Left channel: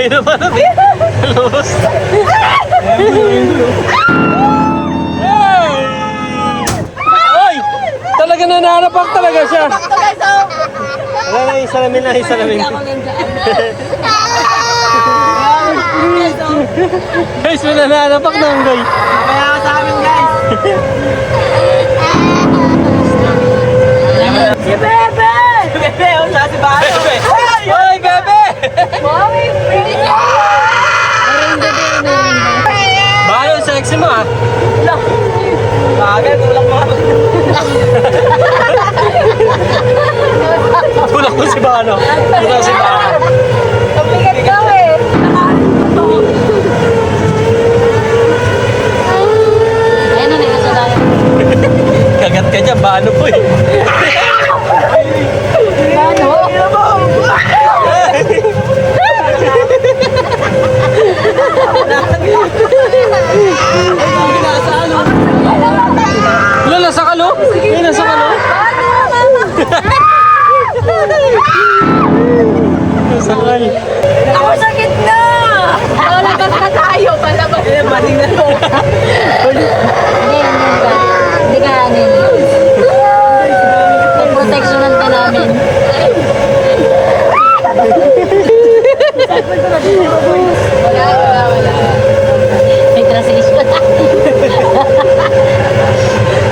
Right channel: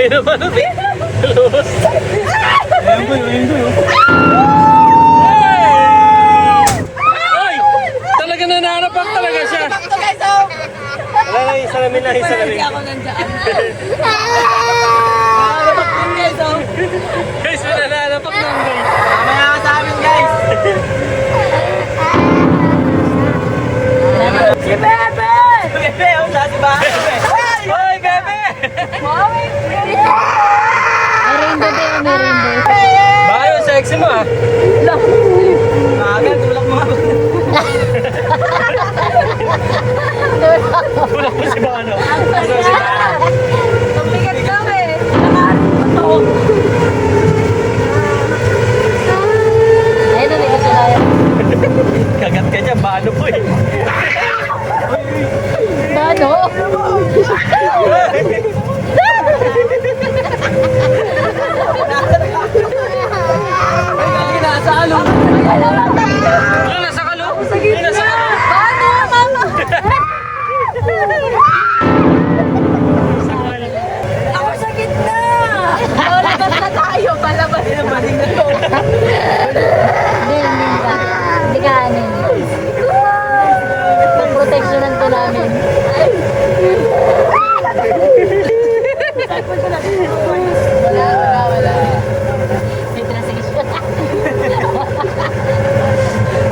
Ayun na pala, lubos. Ay! Talaga nananapak talaga siya. Wala lang, isalamin lang, isalamin. Guys, may nananapak na ang guys. Kaya ka sa amin, guys. Si Bebe! Bebe, ang siya si Bebe. Hoy, Bebe! Bayo, sexy mo ah. Bagay, tulak mo. Tulak ko si Bano. Tulak si Bano. Pabigat ka eh. Ayun na, nakasalayan. Kagat ka dyan, Bano po eh. Wala, nasa kalo? Wala, nasa kalo? Nasa kalo? Ako sa gitna! Malabas na tayo! Malabas na mali na to! Hindi ka anin. Pag proteksyonan ka namin. Wala. May translation.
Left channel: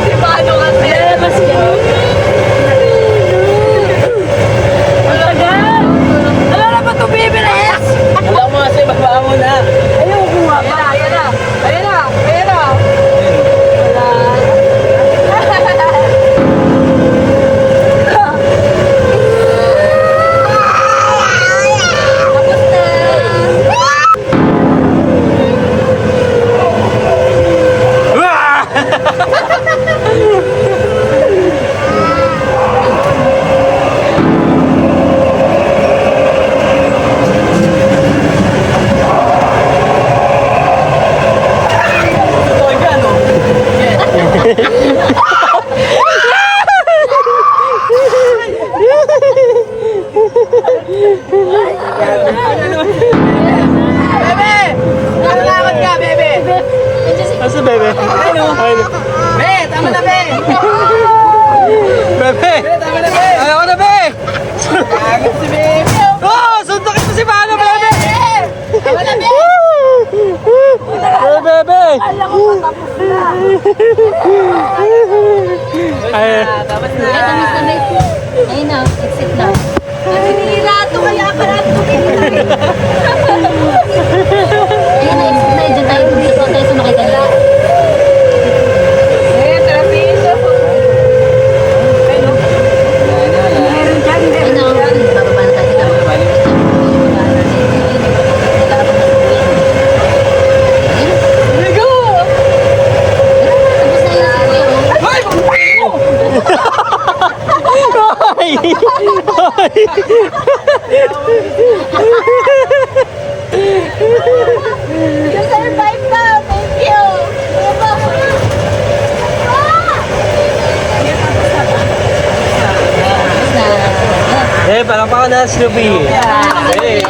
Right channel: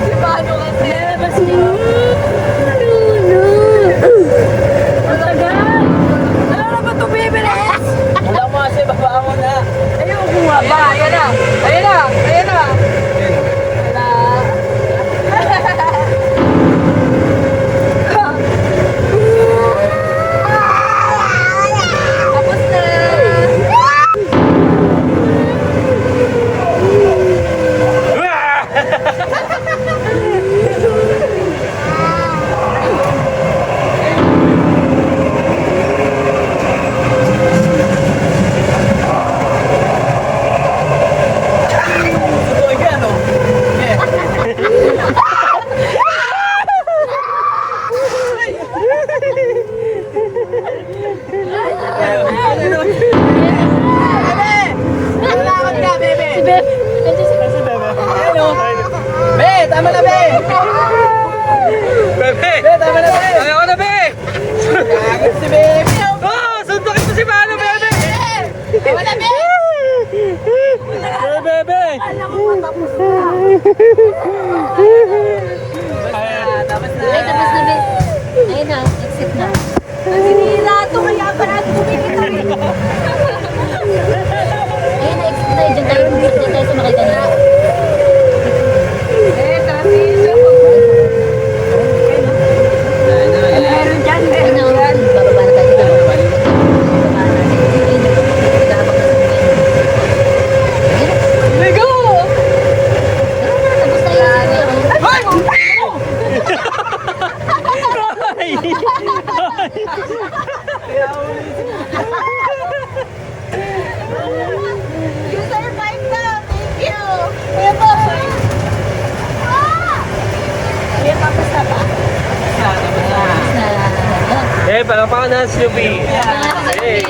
Di ba ano ka? Lalabas niya. Wala na ba ito bibilis? Wala mo kasi baba mo na. Ayaw buha ba? Ayan na. Ayan na. Ayan na. Tapos na. Ito, yan, oh. Bebe! Kailangan ka, Bebe! Nasa Bebe? Ayun. Be, tama na, Be! Bebe! Be, tama na, Be! Ayaw na, Bebe! Kagad si Bebe! Oh! Sundukin mo si Bano, Bebe! Tama na, Be! Bebe! Alam ko patapos na. Ay, Tapos Ay, tamis na, Be. Ayun na. Exit na. Hindi na ito. Kaya ka na ito. Ayun na. Exit na. Diyan tayo. Diyan tayo sumakay kanina. Ayun na. Bababa na tayo. You survived na! Thank you! Kuya po! eh, parang pa ka na, Snoopy. Yay!